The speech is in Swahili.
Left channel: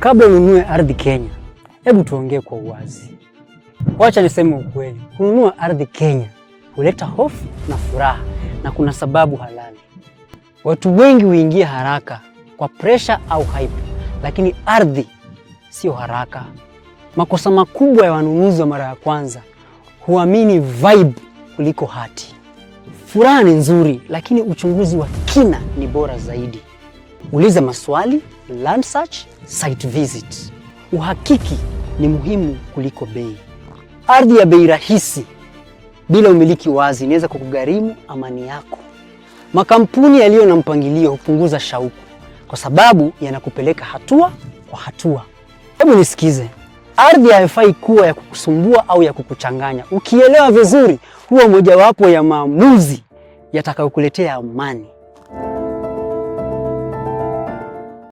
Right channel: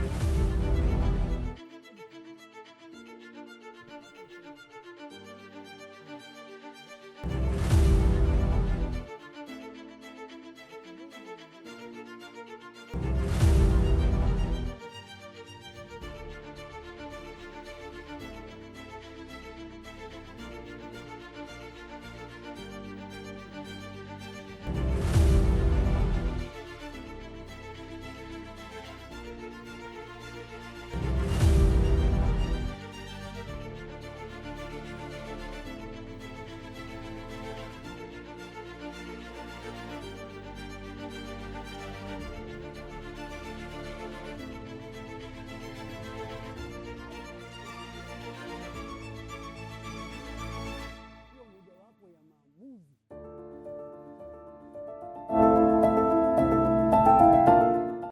Kabla ununue ardhi Kenya, hebu tuongee kwa uwazi. Wacha niseme ukweli, kununua ardhi Kenya huleta hofu na furaha, na kuna sababu halali. Watu wengi huingia haraka kwa pressure au hype, lakini ardhi sio haraka. Makosa makubwa ya wanunuzi wa mara ya kwanza, huamini vibe kuliko hati. Furaha ni nzuri, lakini uchunguzi wa kina ni bora zaidi. Uliza maswali, land search, site visit. Uhakiki ni muhimu kuliko bei. Ardhi ya bei rahisi bila umiliki wazi inaweza kukugharimu amani yako. Makampuni yaliyo na mpangilio hupunguza shauku kwa sababu yanakupeleka hatua kwa hatua. Hebu nisikize. Ardhi haifai kuwa ya kukusumbua au ya kukuchanganya. Ukielewa vizuri, huwa mojawapo ya maamuzi yatakayokuletea amani.